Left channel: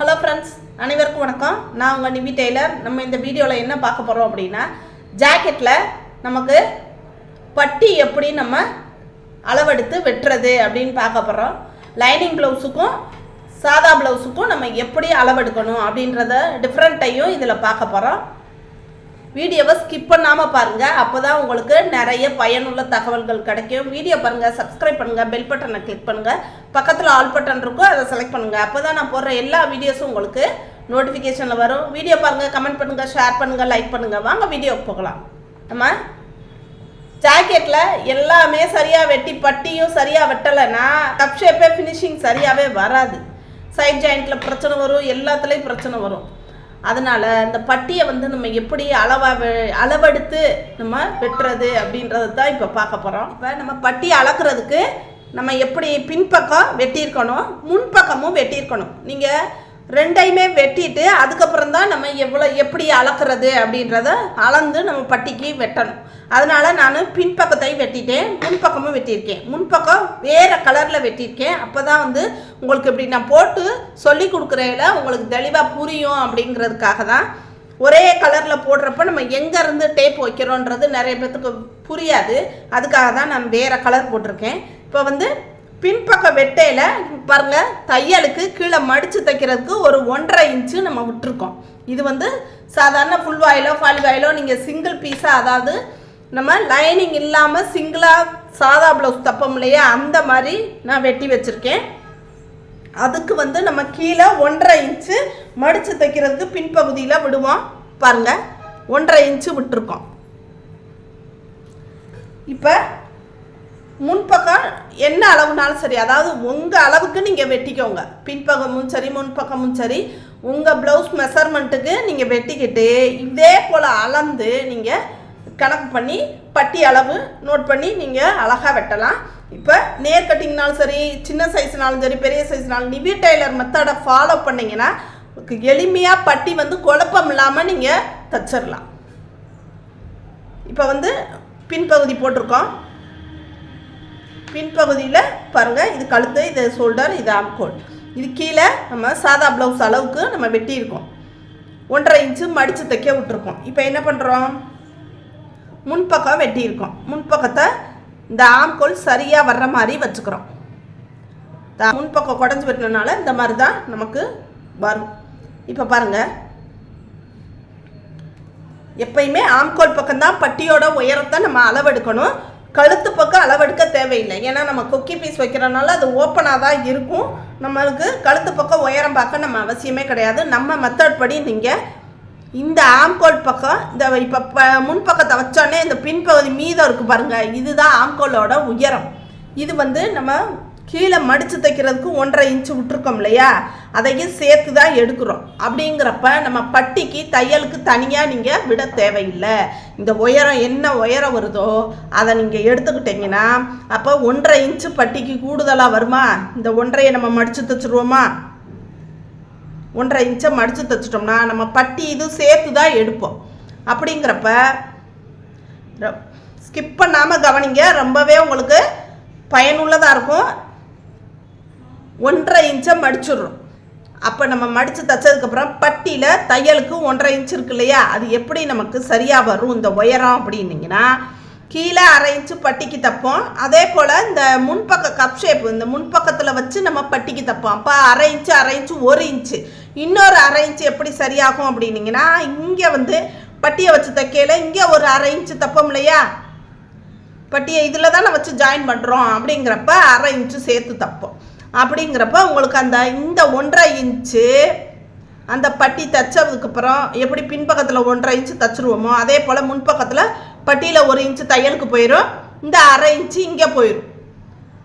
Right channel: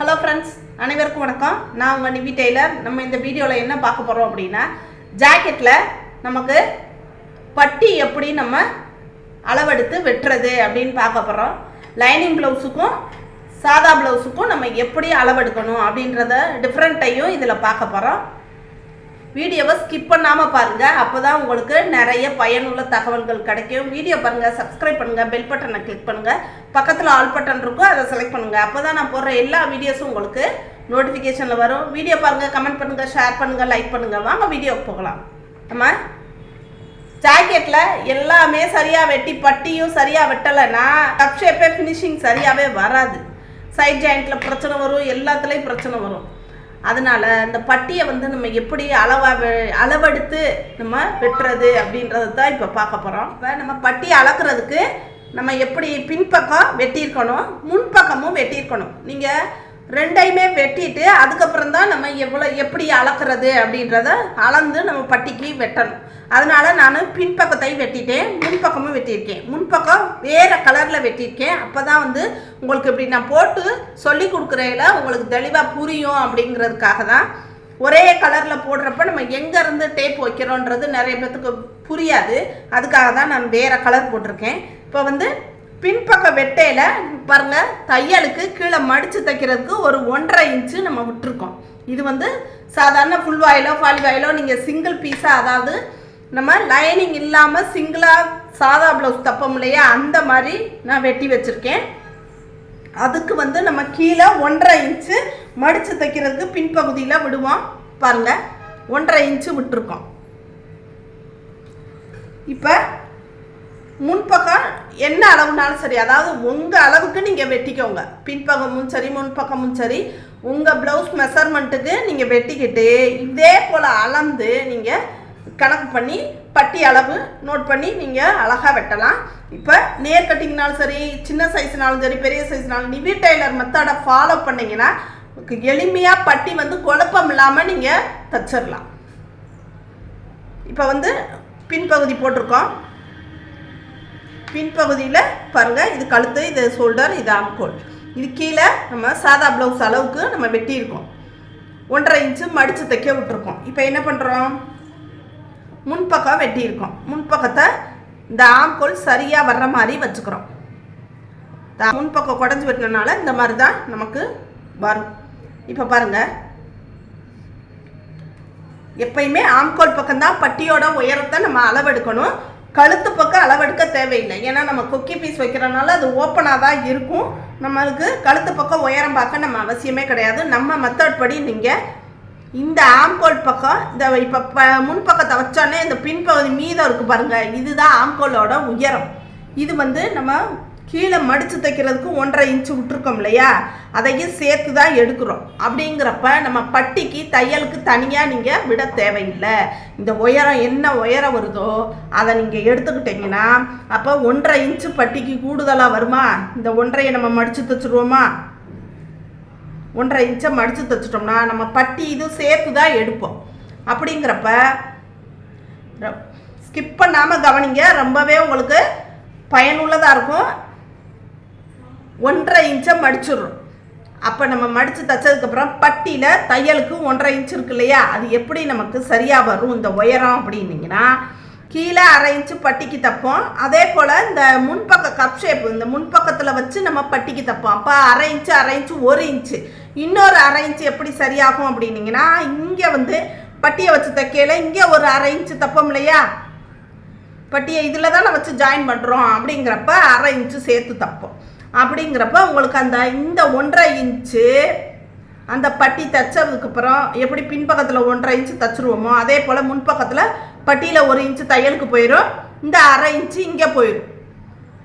Hello friends, அனைவருக்கும் வணக்கம். நான் உங்கள் நிவி டெய்லர். நம்ம இந்த வீடியோவில் என்ன பார்க்க போகிறோம் அப்படின்னா, ஜாக்கெட்டில் நமக்கு பட்டி எப்படி நம்ம அளவெடுத்து வெட்டுறது அப்படின்னு பார்க்க போகிறோம். லைனிங் ப்ளவுஸுக்கும் சாதா ப்ளவுஸுக்கும் நம்ம எப்படி அளவெடுக்கணும் அப்படின்றத டிஃப்ரெண்ட்டையும் இதில் பார்க்க போகிறோம். வீடியோவை ஸ்கிப் பண்ணாமல் பாருங்கள், அப்போ தான் உங்களுக்கு நிறைய பயனுள்ள தகவல்கள் கிடைக்கும். வீடியோ பாருங்கள், சப்ஸ்கிரைப் பண்ணுங்கள், பெல் பட்டனை கிளிக் பண்ணுங்கள், பக்கத்தில் ஆல் பட்டன் இருக்கும், அதை செலக்ட் பண்ணுங்கள். அப்போ தான் நான் போடுற எல்லா வீடியோஸும் உங்களுக்கு நோட்டிஃபிகேஷனில் வரும். வீடியோ பாருங்கள், கமெண்ட் பண்ணுங்கள், ஷேர் பண்ணுங்கள், லைக் பண்ணுங்கள். வாங்க வீடியோவுக்கு போகலாம். நம்ம ஜாக்கெட்டில் எல்லாமே சரியாக வெட்டி பட்டியும் சரியாக வெட்டலைன்னா கப் ஷேப்பே ஃபினிஷிங் சரியாகவே வராது. சைட் ஜாயிண்ட்டில் பிரச்சனை வரும், எல்லாத்துலேயும் பிரச்சனை வரும். அதனால் இந்த பட்டியை நம்ம எப்படி அளவெடுத்து நம்ம வெட்டுறது அப்படின்றது தான் இப்போ பார்க்க போகிறோம். இப்போ நம்ம பட்டியை அளக்கிறதுக்கு நம்ம எப்படி பின்பக்கம் வெட்டியிருக்கணும், முன்பக்கமும் வெட்டியிருக்கணும். நீங்கள் ரெண்டையுமே வெட்டிட்டு அதுக்கப்புறம் தான் நம்ம எப்படி அளக்கிறது அப்படின்றத அளந்து நம்ம பட்டிக்கு வெட்டணும். அதனால் நான் பின்பக்கத்தை வெட்டிட்டேன், முன்பக்கமும் வெட்டியிருக்கேன். முன்பக்கம் வேறு கலரில் வெட்டியிருக்கேன். அப்போ தான் உங்களுக்கு இப்படி நான் போட்டு சொல்லி கொடுக்குறதுல உங்களுக்கு தெளிவாக புரியும் அப்படிங்கிறதுக்காக தான். ஒரே கலரில் போடுறப்ப நம்ம எங்கேருந்து டேப் வைக்கிறோன்றது நிறைய பேர்த்துக்கு புரியாது. அதுக்காக தான் நான் வேறு கலர் போட்டிருக்கேன். இப்போ பின்பக்க வெட்டையில் பாருங்கள், தையலுக்கு கீழே மடித்து தைக்கிறதுக்கு ஒரு 1.5 இன்ச்சு நம்ம விட்டுருக்கோம். இது சாதாரண ஃபுல் வாயிலோ ஃபால் வாயிலோ நீங்கள் சிங்கிள் பீஸாக, அதாவது நம்ம லைனிங் இல்லாமல் சிங்கிளாக சாதா ப்ளவுஸ் தப்போம் இல்லையா, அந்த மாதிரி நான் வெட்டி வச்சுருக்கேன். அதுக்கு நம்ம கீழே 1.5 இன்ச்சு மடித்து தைக்கிறதுக்கு பின்பகுதியில் விடுவோம். பாருங்கள், 1.5 இன்ச்சு விட்டுருக்கோம். இப்போ முன்பக்கம் என்ன அளவுனாலும் சரி, அதாவது உங்கள் அளவுக்கு நீங்கள் வெட்டிக்கோங்க. பின்பக்கமும் சரி முன்பக்கமும் சரி, உங்கள் ப்ளவுஸ் மெஷர்மெண்ட்டுக்கு நீங்கள் வெட்டிக்கிட்டு இதே போல் அளந்து நீங்கள் கணக்கு பண்ணி பட்டி அளவு நோட் பண்ணி நீங்கள் அழகாக வெட்டலாம். இப்போ நேர் கட்டிங்னாலும் சரி, சின்ன சைஸ்னாலும் சரி, பெரிய சைஸ்னாலும் நிவி டெய்லர் மெத்தடை ஃபாலோ பண்ணிங்கன்னா எளிமையாக பட்டி குழப்பம் இல்லாமல் நீங்கள் தச்சிடலாம். இப்போ பின்பகுதி போட்டிருக்கோம். பின்பகுதியில் பாருங்கள், இது கழுத்து, இது ஷோல்டர், இது ஆம்கோல். இது கீழே நம்ம சாதா ப்ளவுஸ் அளவுக்கு நம்ம வெட்டியிருக்கோம். 1.5 இன்ச்சு மடித்து தைக்க விட்டுருக்கோம். இப்போ என்ன பண்ணுறோம், முன்பக்கம் வெட்டியிருக்கோம். முன்பக்கத்தை இந்த ஆம்கோல் சரியாக வர்ற மாதிரி வச்சுக்கிறோம். முன்பக்கம் குடஞ்சி வெட்டினால இந்த மாதிரி தான் நமக்கு வரும். இப்போ பாருங்கள், எப்பயுமே ஆம்கோல் பக்கம்தான் பட்டியோட உயரத்தை நம்ம அளவெடுக்கணும். கழுத்து பக்கம் அளவெடுக்க தேவையில்லை. ஏன்னா நம்ம கொக்கி பீஸ் வைக்கிறனால அது ஓப்பனாக தான் இருக்கும். நம்மளுக்கு கழுத்து பக்கம் உயரம் பார்க்க நம்ம அவசியமே கிடையாது. நம்ம மெத்தட் படி நீங்கள் இந்த ஆம்கோல் பக்கம் இந்த இப்போ முன்பக்கத்தை வச்சோடனே இந்த பின்பகுதி மீதம் இருக்குது பாருங்கள், இதுதான் ஆம்கோலோட உயரம். இது நம்ம கீழே மடித்து தைக்கிறதுக்கு 1.5 இன்ச்சு விட்டுருக்கோம் இல்லையா, அதையும் சேர்த்து தான் எடுக்கிறோம். அப்படிங்கிறப்ப நம்ம பட்டிக்கு தையலுக்கு தனியாக நீங்கள் விட தேவையில்லை. இந்த உயரம் என்ன உயரம் வருதோ அதை நீங்கள் எடுத்துக்கிட்டிங்கன்னா அப்போ 1.5 இன்ச்சு பட்டிக்கு கூடுதலாக வருமா. இந்த 1.5 நம்ம மடித்து தைச்சிருவோமா, 1.5 இன்ச்சை மடித்து தைச்சிட்டோம்னா நம்ம பட்டி இது சேர்த்து தான் எடுப்போம். அப்படிங்கிறப்ப ஸ்கிப் பண்ணாமல் கவனிங்க, ரொம்பவே உங்களுக்கு பயனுள்ளதாக இருக்கும். 1.5 இன்ச்சை மடிச்சிடுறோம். அப்போ நம்ம மடித்து தைச்சதுக்கப்புறம் பட்டியில் தையலுக்கு 1.5 இன்ச்சு இருக்கு இல்லையா, அது எப்படி நமக்கு சரியாக வரும் இந்த உயரம் அப்படின்னீங்கன்னா, கீழே 1/2 இன்ச்சு பட்டிக்கு தைப்போம். அதே போல் இந்த முன்பக்க கப் ஷேப் இந்த முன்பக்கத்தில் வச்சு நம்ம பட்டிக்கு தைப்போம். அப்போ 1/2 இன்ச்சு 1/2 இன்ச்சு 1 இன்ச்சு, இன்னொரு 1/2 இன்ச்சு எப்படி சரியாகும் அப்படின்னீங்கன்னா, இங்கே பட்டியை வச்சு தைக்கையில் இங்கே ஒரு 1/2 இன்ச்சு தைப்போம் இல்லையா, பட்டியை இதில் தான் வச்சு ஜாயின் பண்ணுறோம். அப்படிங்கிறப்ப 1/2 இன்ச்சு சேர்த்து தைப்போம். அப்படிங்கிறப்ப உங்களுக்கு இந்த 1.5 இன்ச்சு அந்த பட்டி தைச்சதுக்கப்புறம் எப்படி பின்பக்கத்தில் 1.5 இன்ச்சு தைச்சிருவோமோ அதே போல் முன்பக்கத்தில் பட்டியில் 1 இன்ச்சு தையலுக்கு போயிடும். இந்த 1/2 இன்ச்சு இங்கே போயிடும்.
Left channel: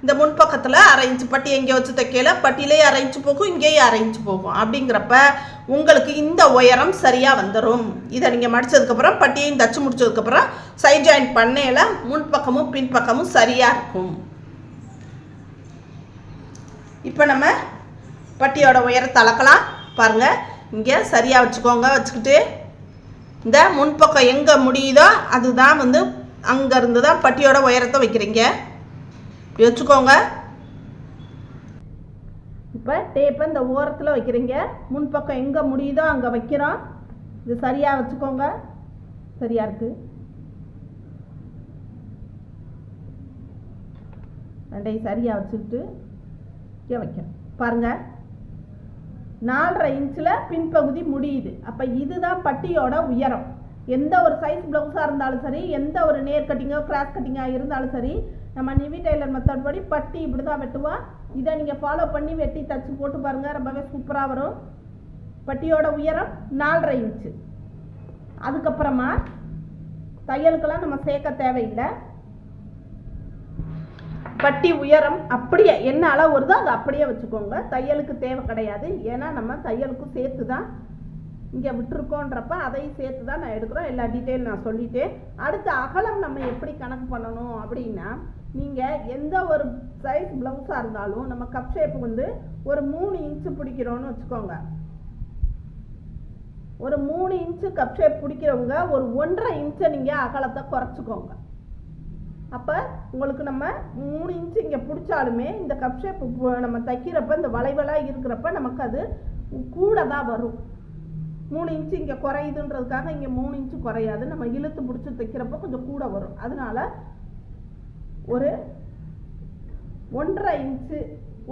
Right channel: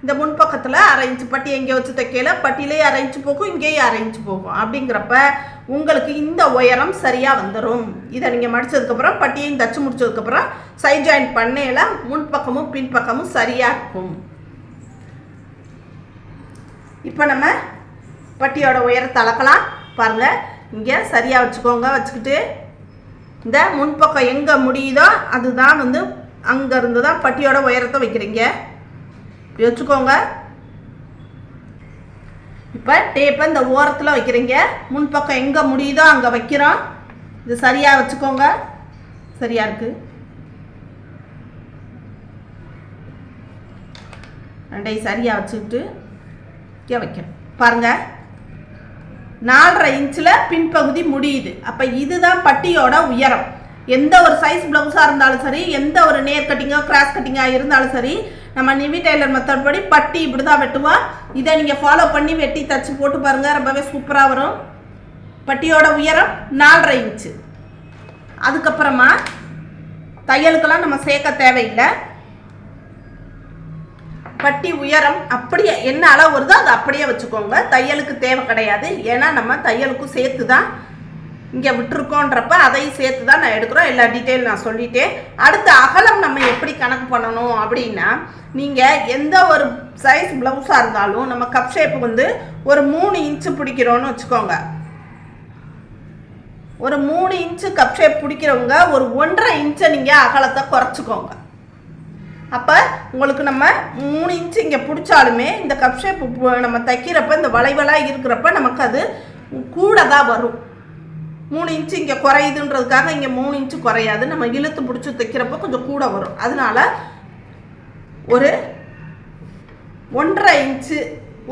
இந்த முன்பக்கத்தில் 1/2 இன்ச்சு பட்டி எங்கே வச்சு தைக்கல, பட்டியிலே 1/2 இன்ச்சு போகும், இங்கேயும் 1/2 இன்ச்சு போகும். அப்படிங்கிறப்ப உங்களுக்கு இந்த உயரம் சரியாக வந்துடும். இதை நீங்கள் மடித்ததுக்கப்புறம் பட்டியையும் தைச்சி முடிச்சதுக்கப்புறம் சைட் ஜாயின் பண்ணையில் முன்பக்கமும் பின்பக்கமும் சரியாக இருக்கும். இப்போ நம்ம பட்டியோட உயரத்தை அளக்கலாம். பாருங்கள், இங்கே சரியாக வச்சுக்கோங்க. வச்சுக்கிட்டு இந்த முன்பக்கம் எங்கே முடியுதோ அதுதான் அங்கேருந்து தான் பட்டியோட உயரத்தை வைக்கிறீங்க. வச்சுக்கோங்க. இப்போ டேப்பை இந்த ஓரத்தில் வைக்கிறீங்க, முன்பக்கம் எங்கே முடியுதோ அங்கே வைக்கிறோம். இது சரியாக வச்சுக்கோங்க, சரியாக இருக்குது. ரெண்டையும் சரியாக வச்சுக்கிட்டு இங்கே வைக்கணும். பாருங்கள், 4.5 இன்ச்சில் பின்பகுதி முடியுது. அப்போ இதுதான் பட்டியோட உயரம். எந்த ஒரு சைஸ் ப்ளவுஸாக இருந்தாலும் சரி, எந்த ஒரு நேர் கட்டிங்கோ கிராஸ் கட்டிங்காக இருந்தாலும் சரி, நம்ம நிவி டெய்லர் மெத்தட் படி பட்டி இப்படி தான் வெட்டுவோம். இதை நீங்கள் ஃபாலோ பண்ணி வெட்டி தச்சு போட்டு பாருங்கள், ரொம்பவே சூப்பராக வரும். பட்டியோட உயரம் 4.5 இன்ச்சு. அதுக்கப்புறமா தையலுக்கெல்லாம் நம்ம சேர்க்க தேவையில்லை. பட்டி உயரம் அப்படியே என்ன அளவு வருதோ அதை அப்படியே வச்சுக்கோங்க, தையலுக்கு தேவை கிடையாது. ஏன்னா நம்ம தையலுக்கும் சேர்த்து தான் இங்கே விட்டுருக்கோன்றப்ப அதையும் சேர்த்து தான் நான் எடுக்கிறோம். எல்லா டீட்டெயில் நான் சொல்லிட்டேன். அடுத்த அகலம் நம்ம எப்படி கணக்கு பண்ணணும் அப்படின்னா, நீங்கள் எந்த ஒரு சைஸ் ப்ளவுஸாக இருந்தாலும் நம்ம கப் ஷேப்பு வந்து ஒரு 3 இன்ச்சு பிடிக்கிறோன்னு வச்சுக்கோங்க. ஒரு 3 இன்ச்சு கப் ஷேப் பிடிக்கிறவங்க ஒரு 1.5 இன்ச்சை நீங்கள் அகலத்தை குறைச்சிக்கோங்க. அப்போ உங்களுக்கு நம்ம 3 இன்ச்சு இங்கே பிடிச்சாலுமே இந்த கப் ஷேப் நம்ம தைக்கிறப்ப இந்த வளைவலாக இருக்கிறப்ப நமக்கு அது கூட தான் வரும். 3 இன்ச்சு இங்கே குறையுதுன்றதுக்காக இங்கே 3 இன்ச்சு குறையாது. நம்ம இழுத்து பிடிச்சி தைக்கிறப்ப கொஞ்சம் கூட வரும். அதனால ஒரு 1.5 இன்ச்சு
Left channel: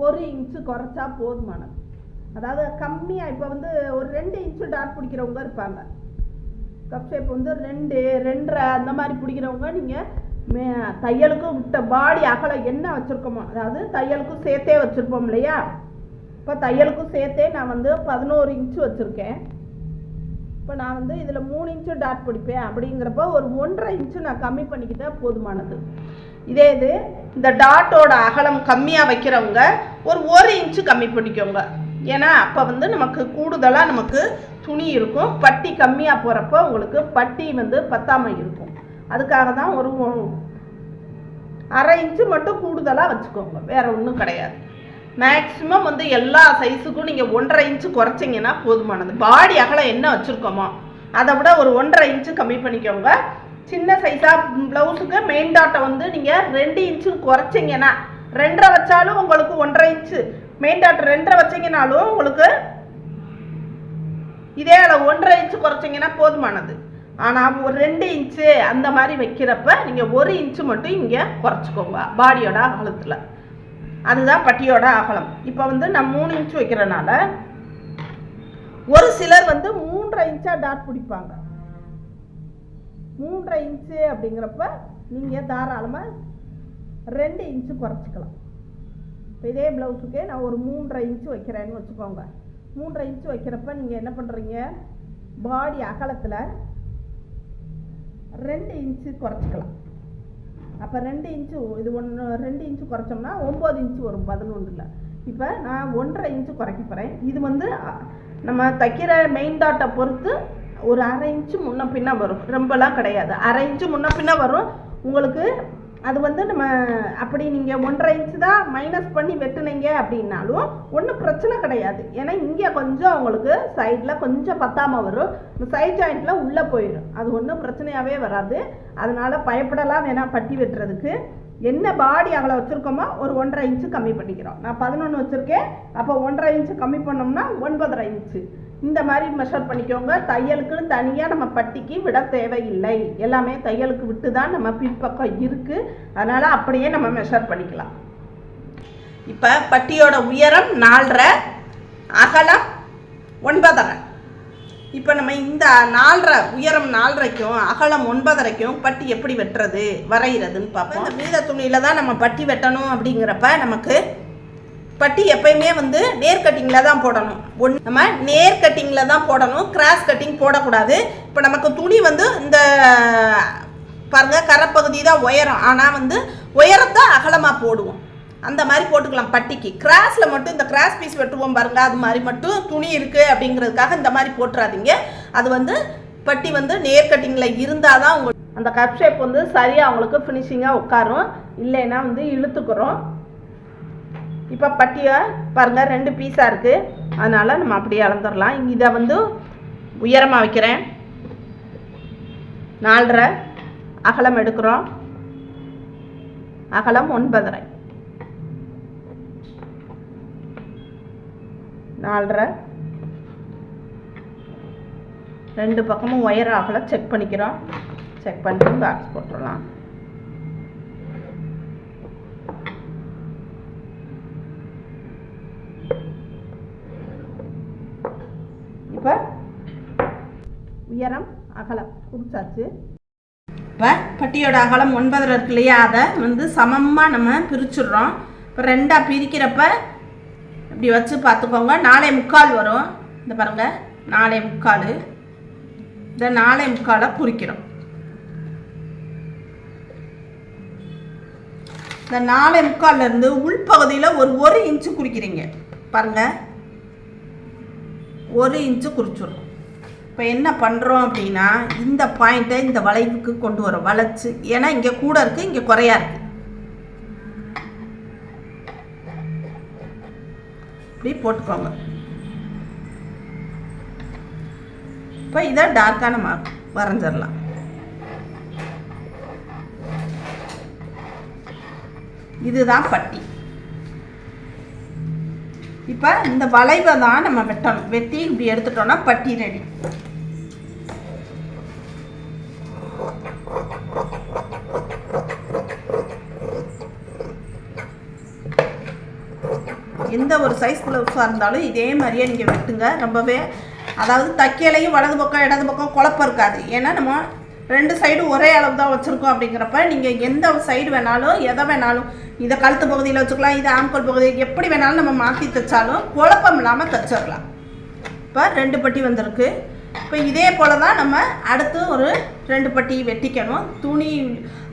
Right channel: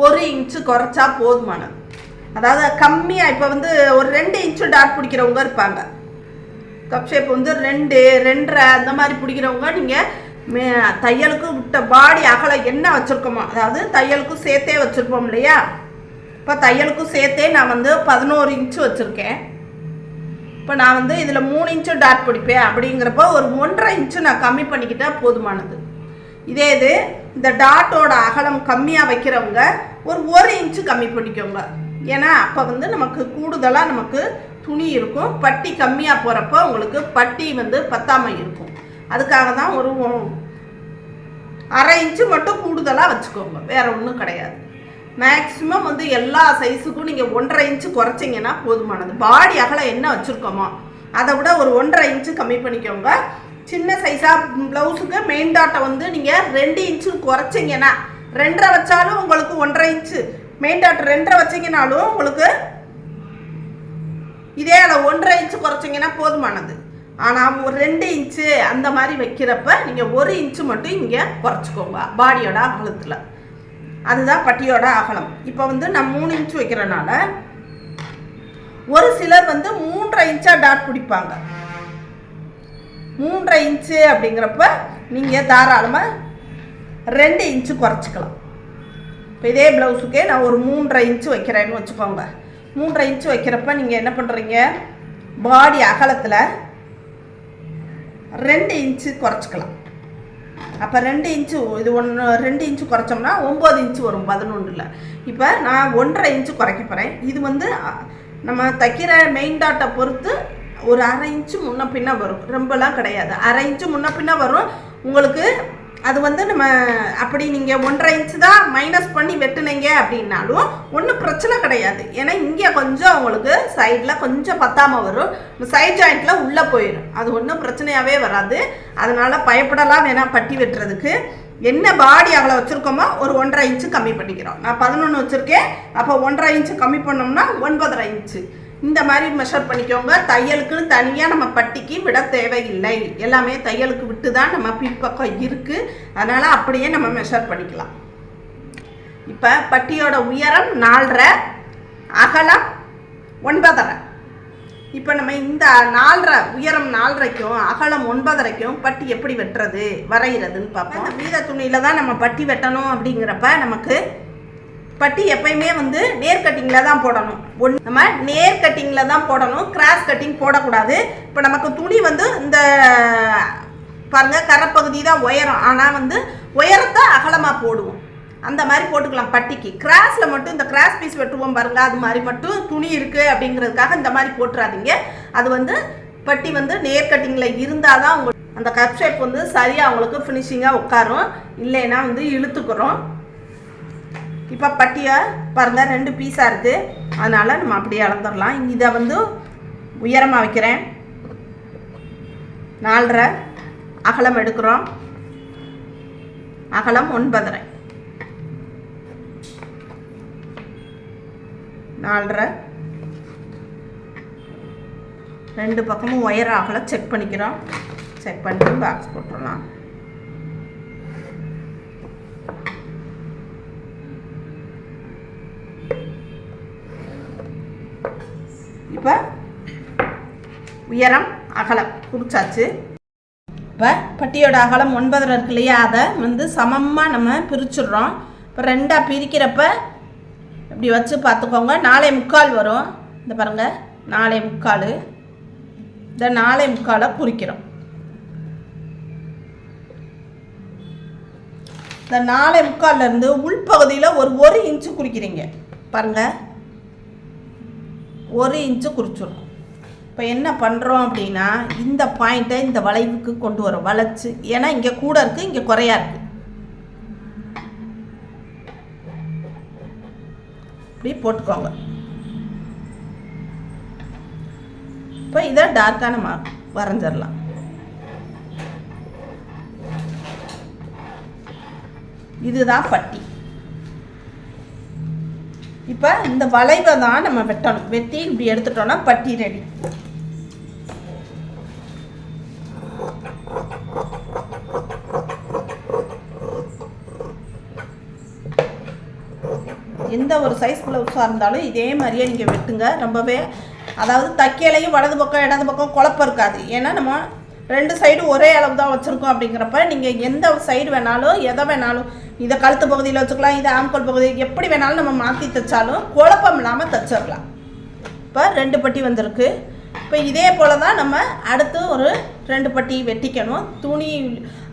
1 இன்ச்சு குறைச்சா போதுமானது. அதாவது கம்மியாக இப்போ வந்து ஒரு 2 இன்ச்சு டாட் பிடிக்கிறவங்க இருப்பாங்க. கப் ஷேப் வந்து 2, 2.5 அந்த மாதிரி பிடிக்கிறவங்க நீங்கள் தையலுக்கு விட்ட பாடி அகலம் என்ன வச்சுருக்கோமோ, அதாவது தையலுக்கும் சேர்த்தே வச்சுருப்போம் இல்லையா, இப்போ தையலுக்கும் சேர்த்தே நான் வந்து 11 இன்ச்சு வச்சுருக்கேன். இப்போ நான் வந்து இதில் 3 இன்ச்சு டாட் பிடிப்பேன். அப்படிங்கிறப்போ ஒரு 1.5 இன்ச்சு நான் கம்மி பண்ணிக்கிட்டால் போதுமானது. இதே இது இந்த டாட்டோட அகலம் கம்மியாக வைக்கிறவங்க ஒரு 1 இன்ச்சு கம்மி பண்ணிக்கோங்க. ஏன்னா அப்போ வந்து நமக்கு கூடுதலாக நமக்கு துணி இருக்கும். பட்டி கம்மியாக போகிறப்போ உங்களுக்கு பட்டி வந்து பத்தாமல் இருக்கும். அதுக்காக தான் ஒரு 1/2 இன்ச்சு மட்டும் கூடுதலாக வச்சுக்கோங்க, வேறு ஒன்றும் கிடையாது. மேக்ஸிமம் வந்து எல்லா சைஸுக்கும் நீங்கள் 1.5 இன்ச்சு குறைச்சிங்கன்னா போதுமானது. பாடி அகலம் என்ன வச்சுருக்கோமோ அதை விட ஒரு 1.5 இன்ச்சு கம்மி பண்ணிக்கோங்க. சின்ன சைஸாக ப்ளவுஸுக்கு மெயின் டாட்டை வந்து நீங்கள் 2 இன்ச்சு குறைச்சிங்கன்னா, 2.5 வச்சாலும் உங்களுக்கு 1.5 இன்ச்சு, மெயின் டாட் 2.5 வச்சிங்கனாலும் உங்களுக்கு இதே அளவு 1.5 இன்ச்சு குறைச்சிங்கன்னா போதுமானது. ஆனால் ஒரு 2 இன்ச்சு அந்த மாதிரி வைக்கிறப்ப நீங்கள் 1 இன்ச்சு மட்டும் இங்கே குறைச்சிக்கோங்க பாடியோட அகலத்தில். அதுதான் பட்டியோட அகலம். இப்போ வந்து நான் 3 இன்ச்சு வைக்கிறனால ஒரு சிலர் வந்து 3.5 இன்ச்சாக டாட் பிடிப்பாங்க. 3.5 இன்ச்சு அப்படிங்கிறப்ப நீங்கள் தாராளமாக 2 இன்ச்சு குறைச்சிக்கலாம். இப்போ இதே ப்ளவுஸுக்கே நான் ஒரு 3.5 இன்ச்சு வைக்கிறேன்னு வச்சுக்கோங்க. 3.5 இன்ச்சு வைக்கிறப்ப நீங்கள் என்ன பண்ணுறீங்க, பாடி அகலத்தில் 2 இன்ச்சு குறைச்சிக்கலாம். அப்போ 2 இன்ச்சு இது 2 இன்ச்சு குறைச்சோம்னா 9 இன்ச்சு வரும் 11. இப்போ நான் 1.5 இன்ச்சு குறைக்க போகிறேன். இது வந்து நம்ம தைக்கிற மெயின் டாட்டை பொறுத்து ஒரு 1/2 இன்ச்சு முன்ன பின்ன வரும், ரொம்பலாம் கிடையாது. 1/2 இன்ச்சு முன்ன பின்ன வரும் உங்களுக்கு. அது வந்து நம்ம அப்படி நீங்கள் 1.5 இன்ச்சு தான் மைனஸ் பண்ணி வெட்டுனீங்க அப்படின்னாலும் ஒன்றும் பிரச்சனை கிடையாது. ஏன்னா இங்கே கொஞ்சம் உங்களுக்கு சைடில் கொஞ்சம் பத்தாமல் வரும், சைட் ஜாயிண்டில் உள்ளே போயிடும். அது ஒன்றும் பிரச்சனையாகவே வராது. அதனால் பயப்படலாம் வேணாம். பட்டி வெட்டுறதுக்கு என்ன பாடி அகலம் வச்சுருக்கோமோ ஒரு 1.5 இன்ச்சு கம்மி பண்ணிக்கிறோம். நான் 11 வச்சுருக்கேன். அப்போ 1.5 இன்ச்சு கம்மி பண்ணோம்னா 9.5 இன்ச்சு இந்த மாதிரி மெஷர் பண்ணிக்கோங்க. தையலுக்குன்னு தனியாக நம்ம பட்டிக்கு விட தேவையில்லை. எல்லாமே தையலுக்கு விட்டு தான் நம்ம பின்பக்கம் இருக்குது. அதனால் அப்படியே நம்ம மெஷர் பண்ணிக்கலாம். இப்போ பட்டியோட உயரம் 4.5, அகலம் 9.5. இப்போ நம்ம இந்த 4.5 உயரம் 4.5க்கும் அகலம் 9.5க்கும் பட்டி எப்படி வெட்டுறது வரைகிறதுன்னு பார்ப்போம். மீத துணியில் தான் நம்ம பட்டி வெட்டணும். அப்படிங்கிறப்ப நமக்கு பட்டி எப்பயுமே வந்து நேர் கட்டிங்கில் தான் போடணும். நம்ம நேர் கட்டிங்கில் தான் போடணும், கிராஸ் கட்டிங் போடக்கூடாது. இப்போ நமக்கு துணி வந்து இந்த பாருங்கள் கரைப்பகுதி தான் உயரம், ஆனால் வந்து உயரத்தை அகலமாக போடுவோம். அந்த மாதிரி போட்டுக்கலாம் பட்டிக்கு. கிராஸில் மட்டும் இந்த கிராஸ் பீஸ் வெட்டுவோம் பாருங்கள், அது மாதிரி மட்டும் துணி இருக்குது அப்படிங்கிறதுக்காக இந்த மாதிரி போட்டுறாதீங்க. அது வந்து பட்டி வந்து நேர் கட்டிங்கில் இருந்தால் தான் உங்களுக்கு அந்த கப் ஷேப் வந்து சரியாக அவங்களுக்கு ஃபினிஷிங்காக உட்காரும், இல்லைன்னா வந்து இழுத்துக்கிறோம். இப்போ பட்டியை பாருங்கள் 2 பீஸாக இருக்குது, அதனால் நம்ம அப்படியே அளந்துடலாம். இதை வந்து உயரமாக வைக்கிறேன், 4.5 அகலம் எடுக்கிறோம், அகலம் 9.5. 4.5. ரெண்டு பக்கமும் ஒயர் ஆகலை செக் பண்ணிக்கிறோம். செக் பண்ணிட்டு பாக்ஸ் போட்டுடலாம். இப்போ உயரம் அகலம் குறிச்சாச்சு. இப்போ பட்டியோட அகலம் 9 இருக்கு இல்லையா, அதை வந்து சமமாக நம்ம பிரிச்சுடுறோம். இப்போ 2ஆக பிரிக்கிறப்ப இப்படி வச்சு பார்த்துக்கோங்க. 4.25 வரும். இந்த பாருங்கள் 4.25. இந்த 4.25 குறிக்கிறோம். இந்த 4.25 உள்பகுதியில் ஒரு 1 இன்ச்சு குறிக்கிறீங்க பாருங்கள். 1 இன்ச்சு குறிச்சிடும். இப்போ என்ன பண்ணுறோம் அப்படின்னா இந்த பாயிண்ட்டை இந்த வளைவுக்கு கொண்டு வரோம் வளைச்சு. ஏன்னா இங்கே கூட இருக்குது, இங்கே குறையா இருக்குது. இப்படி போட்டுக்கோங்க. இப்போ இதை டார்க்கான மார்க் வரைஞ்சிடலாம். இதுதான் பட்டி. இப்போ இந்த வளைவை தான் நம்ம வெட்டணும். வெட்டி இப்படி எடுத்துட்டோம்னா பட்டி ரெடி. எந்த ஒரு சைஸ் ப்ளவுஸாக இருந்தாலும் இதே மாதிரியே நீங்கள் வெட்டுங்க. ரொம்பவே அதாவது தைக்கலையும் வலது பக்கம் இடது பக்கம் குழப்பம் இருக்காது. ஏன்னா நம்ம 2 சைடும் ஒரே அளவு தான் வச்சுருக்கோம். அப்படிங்கிறப்ப நீங்கள் எந்த சைடு வேணாலும் எதை வேணாலும், இதை கழுத்து பகுதியில் வச்சுக்கலாம், இதை ஆம்கோல் பகுதி, எப்படி வேணாலும் நம்ம மாற்றி தைச்சாலும் குழப்பம் இல்லாமல் தைச்சிடலாம். இப்போ 2 பட்டி வந்திருக்கு. இப்போ இதே போல் தான் நம்ம அடுத்து ஒரு 2 பட்டி வெட்டிக்கணும். துணி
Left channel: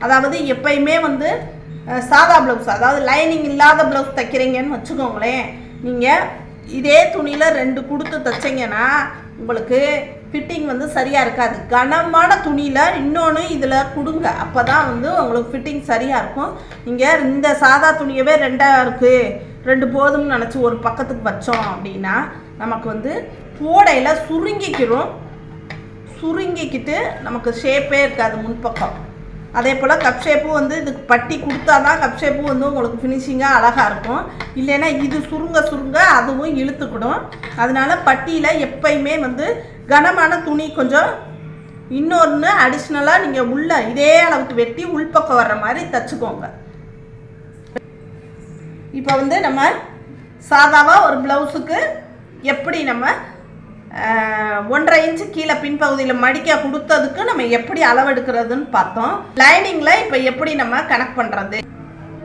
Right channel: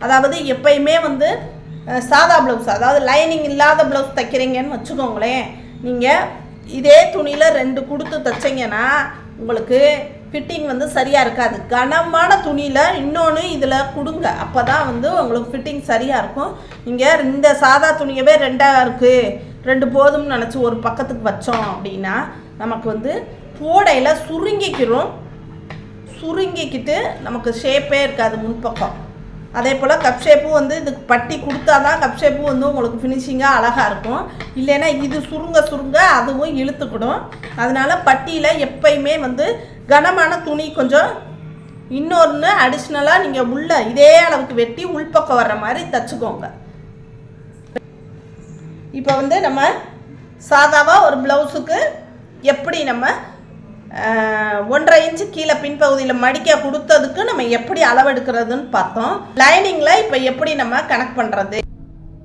அதாவது எப்பயுமே வந்து சாதா ப்ளவுஸ், அதாவது லைனிங் இல்லாத ப்ளவுஸ் தைக்கிறீங்கன்னு வச்சுக்கோங்களேன். நீங்கள் இதே துணியில் 2 கொடுத்து தைச்சிங்கன்னா உங்களுக்கு ஃபிட்டிங் வந்து சரியாக இருக்காது. கனமான துணியில் இன்னொன்று இதில் கொடுங்க, அப்போ தான் வந்து உங்களுக்கு ஃபிட்டிங் சரியாக இருக்கும். நீங்கள் இந்த சாதா துணியவே 2ஆக இருக்குது, 2 போதும்னு நினச்சி ஒரு பக்கத்துக்கு வச்சோம் அப்படின்னா நமக்கு வந்து போடையில் சுருங்கிக்கிட்டு நமக்கு ஷேப்பே இருக்காது முன்பக்கம். அதே போல் கப் ஷேப்பும் வந்து இதுக்கு பட்டி கொடுத்தா தான் கப் ஷேப்பும் வந்து உங்களுக்கு ஃபினிஷிங்காக அழகாக இருக்கும். இல்லைன்னா இது சுருங்க அதுவும் இழுத்துக்கிடும். அதனால பட்டியில் எப்பயுமே வந்து கனமான துணி கொஞ்சம் இன்னொன்று அடிஷ்னலாக நீங்கள் உள்ள இதே அளவுக்கு வெட்டி உள்பக்கம் வர்ற மாதிரி தைச்சிக்கோங்க. இப்போ வந்து நம்ம சாதாவாக ஒரு ப்ளவுஸுக்கு எப்படி நம்ம 1.5 இன்ச்சு கீழே பின்பகுதியில் மடிக்க கொடுத்ததுக்கு நம்ம எப்படி அளவெடுக்கிறதுன்னு பார்த்தோம். லைனிங்கில் இப்போ எப்படி நம்ம கனெக்ட் பண்ணுறது.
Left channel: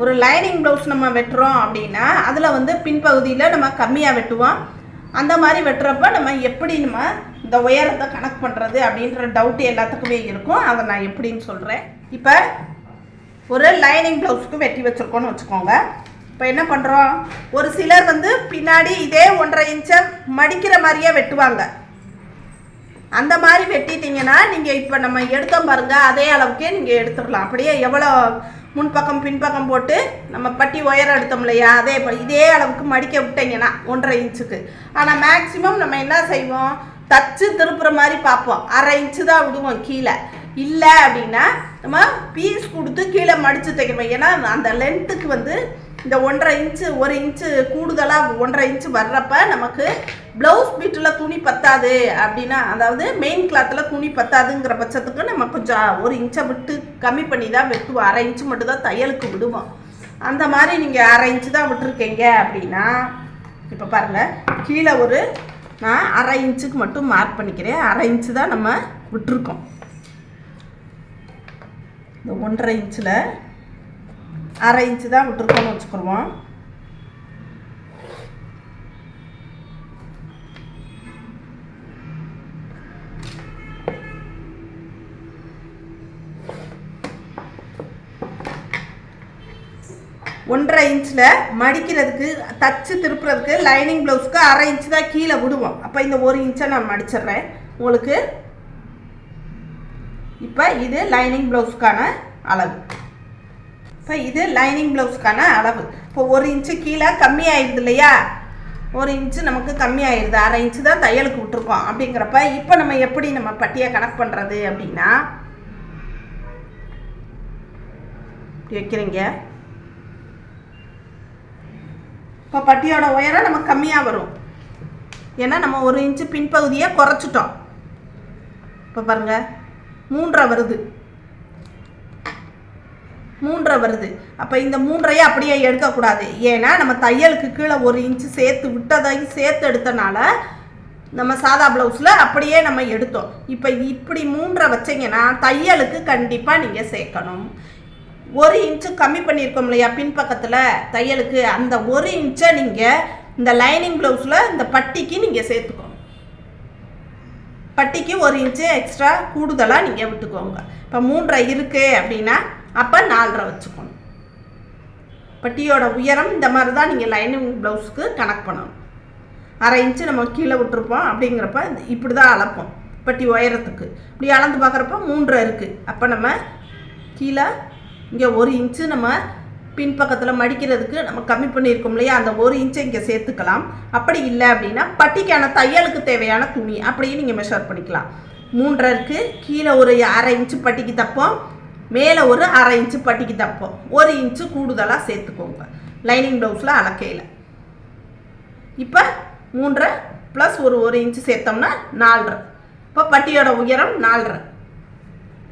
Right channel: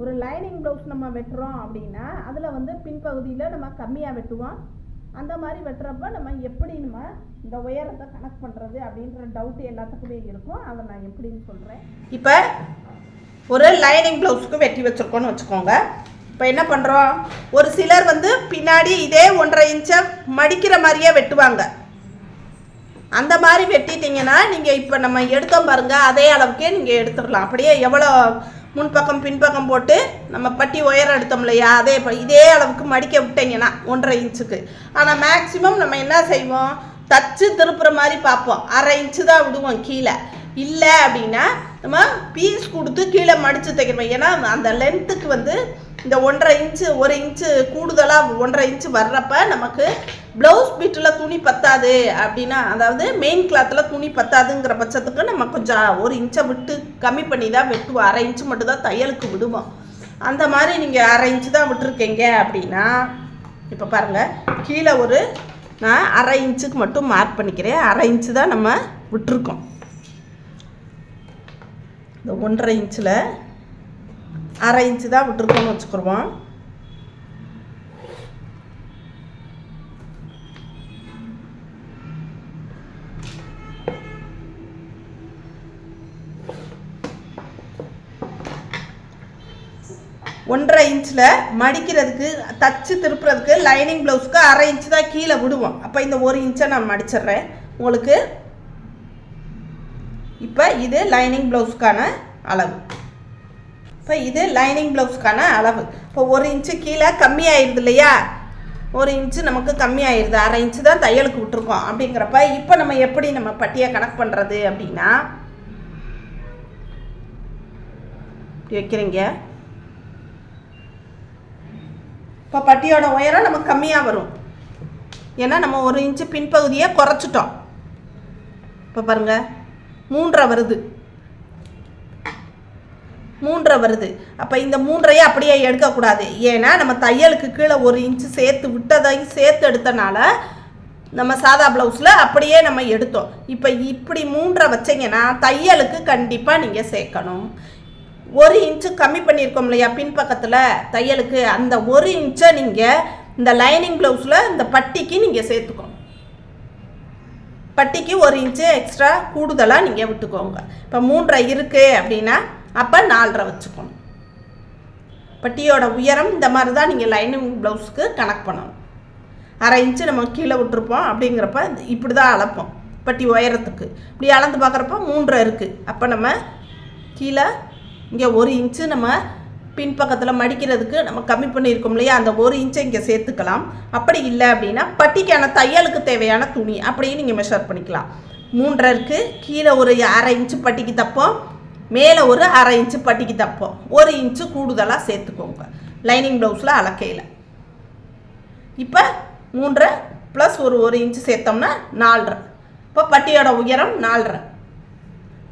ஒரு லைனிங் ப்ளவுஸ் நம்ம வெட்டுறோம் அப்படின்னா அதில் வந்து பின்பகுதியில் நம்ம கம்மியாக வெட்டுவோம். அந்த மாதிரி வெட்டுறப்ப நம்ம எப்படி நம்ம இந்த உயரத்தை கனெக்ட் பண்ணுறது அப்படின்ற டவுட் எல்லாத்துக்குமே இருக்கும். அதை நான் எப்படின்னு சொல்கிறேன். இப்போ ஒரு லைனிங் ப்ளவுஸுக்கு வெட்டி வச்சுருக்கோன்னு வச்சுக்கோங்க. இப்போ என்ன பண்ணுறோம், ஒரு சிலர் வந்து பின்னாடி இதே 1.5 இன்ச்சை மடிக்கிற மாதிரியே வெட்டுவாங்க. அந்த மாதிரி வெட்டிட்டிங்கன்னா நீங்கள் இப்போ நம்ம எடுத்தோம் பாருங்கள், அதே அளவுக்கே நீங்கள் எடுத்துடலாம். அப்படியே எவ்வளோ முன்பக்கம் பின்பக்கம் போட்டு நம்ம பட்டி உயரம் எடுத்தோம் இல்லையா, இதே அளவுக்கு மடிக்க விட்டீங்கன்னா 1.5 இன்ச்சுக்கு. ஆனால் மேக்ஸிமம் நம்ம என்ன செய்வோம், தச்சு திருப்புற மாதிரி பார்ப்போம், 1/2 இன்ச்சு தான் விடுவோம் கீழே. இல்லை அப்படின்னா நம்ம பீஸ் கொடுத்து கீழே மடித்து தைக்கிறோம். ஏன்னா அந்த லென்த்துக்கு வந்து இந்த 1.5 இன்ச்சு 1 இன்ச்சு கூடுதலாக 1.5 இன்ச்சு வர்றப்ப நமக்கு ப்ளவுஸ் பீட்டில் துணி பத்தாது அப்படின்னா, அதாவது மெயின் கிளாத்தில் துணி பத்தாதுங்கிற பட்சத்துக்கு நம்ம கொஞ்சம் 1 இன்ச்சை விட்டு கம்மி பண்ணி தான் வெட்டுவோம். 1/2 இன்ச்சு மட்டும் தான் தையலுக்கு விடுவோம். அந்த மாதிரி நீங்கள் 1/2 இன்ச்சு தான் விட்டுருக்கீங்க அப்படின்னா, இப்போ பாருங்கள் கீழே நான் 1/2 இன்ச்சுக்கு மட்டும் மார்க் பண்ணிக்கிறேன். 1/2 இன்ச்சு தான் நம்ம விட்டுருக்கோம். இந்த 1.5 இன்ச்சில் 1/2 இன்ச்சு தான் விட்டுருக்கோன்னு வச்சுக்கிடுவோம். ஒன்றரை இன்ச்சில் மடிக்கிறதுக்கு தச்சு திருப்புறதுக்கு லைனிங் ப்ளவுஸ்க்கு 1/2 இன்ச்சு தான் கீழே விடுவோம். அப்போ இந்த 1 இன்ச்சை நான் மடிச்சிடுறேன் உங்களுக்கு. இப்போ இது லைனிங் ப்ளவுஸ்க்கான அளவு. இப்போ இது லைனிங் ப்ளவுஸ்க்கான அளவு. இப்போ 1 இன்ச்சு கீழே கம்மியாயிருது இல்லையா, 1 இன்ச்சு நமக்கு கம்மியாயிருது. 1/2 இன்ச்சு தான் தையலுக்கு விட்டுருக்கோம். அப்படிங்கிறப்ப இப்போ நம்ம எப்படி நம்ம பட்டியை கனெக்ட் பண்ணுறது அப்படின்னா, வைக்கிறீங்க. இப்போ பட்டியோட உயரம் நமக்கு கம்மியாக வரும். ஏன்னா நம்ம 1 இன்ச்சு பின்பகுதியை குறைச்சிட்டோம். இப்போ பாருங்கள் 3.5 வருது, 3.5 வருது. அப்போ இந்த 3.5 அப்படியே எடுக்கக்கூடாது. ஏன்னா நம்ம தையலுக்கு கீழே 1 இன்ச்சு சேர்த்து விட்டதையும் சேர்த்து எடுத்தனால நம்ம சாதா ப்ளவுஸில் அப்படியே நம்ம எடுத்தோம். இப்போ இப்படி 3.5 வச்சிங்கன்னா தையலுக்கு கண்டிப்பாக நீங்கள் சேர்க்கணும். 1 இன்ச்சு கம்மி பண்ணியிருக்கோம் இல்லையா பின்பக்கத்தில் தையலுக்கு, அந்த 1 இன்ச்சை நீங்கள் இந்த லைனிங் ப்ளவுஸில் இந்த பட்டிக்கு நீங்கள் சேர்த்துக்கணும். பட்டிக்கு 1 இன்ச்சு எக்ஸ்ட்ரா கூடுதலாக நீங்கள் விட்டுக்கோங்க. இப்போ 3.5 இருக்குது அப்படின்னா அப்போ 4.5 வச்சுக்கணும். பட்டியோட உயரம் இந்த மாதிரி தான் நீங்கள் லைனிங் ப்ளவுஸுக்கு கணக்கு பண்ணணும். 1/2 இன்ச்சு நம்ம கீழே விட்டுருப்போம். அப்படிங்கிறப்ப இப்படி தான் அளப்போம் பட்டி உயரத்துக்கு. இப்படி அளந்து பார்க்குறப்ப 3.5 இருக்குது. அப்போ நம்ம கீழே இங்கே 1 இன்ச்சு நம்ம பின்பக்கத்தில் மடிக்கிறதுக்கு நம்ம கம்மி பண்ணியிருக்கோம் இல்லையா, அந்த 1 இன்ச்சை இங்கே சேர்த்துக்கலாம். அப்படி இல்லை அப்படின்னா பட்டிக்கான தையலுக்கு தேவையான துணி அப்படியே நீங்கள் மெஷர் பண்ணிக்கலாம். 3.5 இருக்குது, கீழே ஒரு 1/2 இன்ச்சு பட்டிக்கு தப்போம், மேலே ஒரு 1/2 இன்ச்சு பட்டிக்கு தப்போம். 1 இன்ச்சு கூடுதலாக சேர்த்துக்கோங்க லைனிங் ப்ளவுஸில் அளக்கையில். இப்போ 3.5 ப்ளஸ் ஒரு 1 இன்ச்சு சேர்த்தோம்னா 4.5. இப்போ பட்டியோட உயரம் 4.5.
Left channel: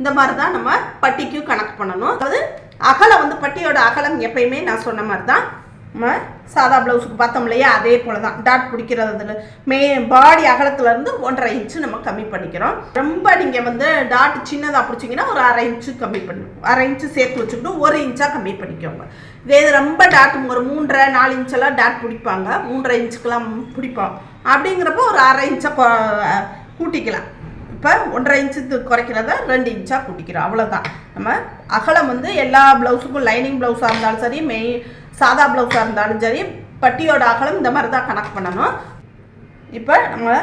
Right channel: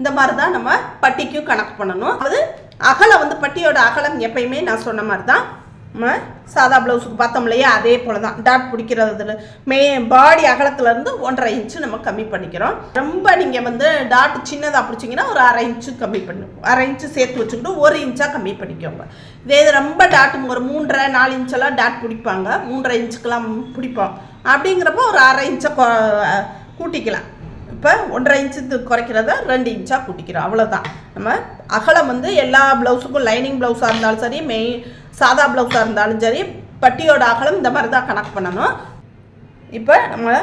இந்த மாதிரி தான் நம்ம பட்டிக்கு கணக்கு பண்ணணும். அது அகலம் வந்து பட்டியோட அகலம் எப்பயுமே நான் சொன்ன மாதிரி தான் நம்ம சாதா ப்ளவுஸுக்கு பார்த்தோம் இல்லையா, அதே போல் தான் டாட் பிடிக்கிறது பாடி அகலத்துலேருந்து 1.5 இன்ச்சு நம்ம கம்மி பண்ணிக்கிறோம். ரொம்ப நீங்கள் வந்து டாட் சின்னதாக பிடிச்சிங்கன்னா ஒரு 1/2 இன்ச்சு கம்மி பண்ணி 1/2 இன்ச்சு சேர்த்து வச்சுக்கிட்டு 1 இன்ச்சாக கம்மி பண்ணிக்கோங்க. இதே ரொம்ப டாட் ஒரு 3.5 4 இன்ச்செல்லாம் டாட் பிடிப்பாங்க, 3.5 இன்ச்சுக்கெல்லாம் பிடிப்போம். அப்படிங்கிறப்போ ஒரு 1/2 இன்ச்சை கூட்டிக்கலாம். இப்போ 1.5 இன்ச்சு குறைக்கிறத 2 இன்ச்சாக கூட்டிக்கிறோம். அவ்வளோதான். நம்ம அகலம் வந்து எல்லா ப்ளவுஸுக்கும் லைனிங் ப்ளவுஸாக இருந்தாலும் சரி சாதா ப்ளவுஸாக இருந்தாலும் சரி பட்டியோட அகலம் இந்த மாதிரி தான் கணக்கு பண்ணணும். இப்போ நம்ம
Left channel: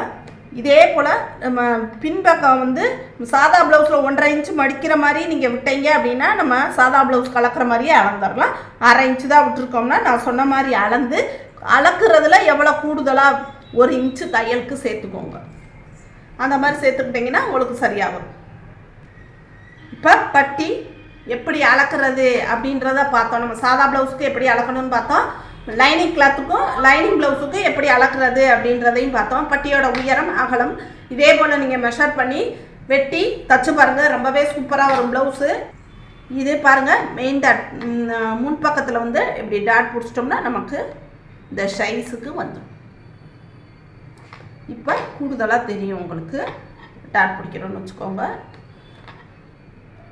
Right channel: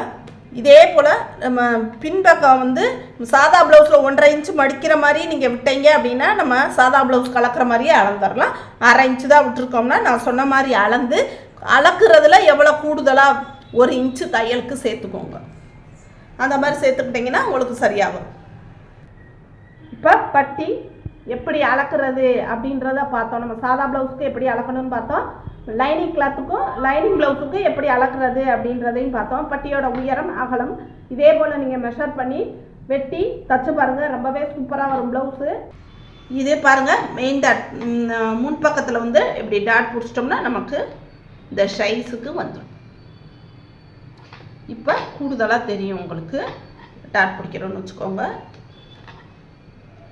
இதே போல் நம்ம பின்பக்கம் வந்து சாதா ப்ளவுஸில் 1.5 இன்ச்சு மடிக்கிற மாதிரி நீங்கள் விட்டீங்க அப்படின்னா நம்ம சாதா ப்ளவுஸ் கலக்கிற மாதிரியே அளந்துடலாம். 1/2 இன்ச்சு தான் விட்டுருக்கோம்னா நான் சொன்ன மாதிரி அளந்து அளக்குறதுல எவ்வளோ கூடுதலாக 1 இன்ச்சு தையலுக்கு சேர்த்துக்கோங்க. அந்த மாதிரி சேர்த்துக்கிட்டிங்கன்னா உங்களுக்கு சரியாகும். இப்போ பட்டி எப்படி அளக்கிறது அப்படின்றத பார்த்தோம். நம்ம சாதா ப்ளவுஸுக்கு எப்படி அளக்கணும்னு பார்த்தோம், லைனிங் கிளாத்துக்கும் லைனிங் ப்ளவுஸுக்கும் எப்படி அளக்கிறது அப்படின்றதையும் பார்த்தோம். பட்டியோட உயரம் அகலம் இதே போல் நீங்கள் மெஷர் பண்ணி வெட்டி தச்சு பாருங்கள், ரொம்பவே சூப்பராக வரும் ப்ளவுஸு. இதே பாருங்கள் மெயின் டாட் முன்பக்கத்தில் வந்து இப்படி டாட் பிடிச்சிட்டோம்னா நமக்கு இந்த சைஸுக்கு வந்துடும். இப்போ கூடுதலாக தெரியும் உங்களுக்கு டாட் பிடிக்கிறோன்னு வச்சுக்கோங்க,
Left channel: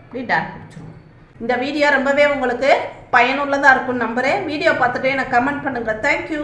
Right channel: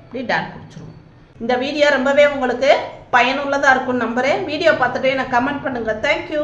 இப்படி டாட் பிடிச்சிருவோம். இந்த வீடியோ ரொம்பவே உங்களுக்கு பயனுள்ளதாக இருக்கும்னு நம்புகிறேன். வீடியோ பார்த்துட்டு எனக்கு கமெண்ட் பண்ணுங்கள். தேங்க்யூ.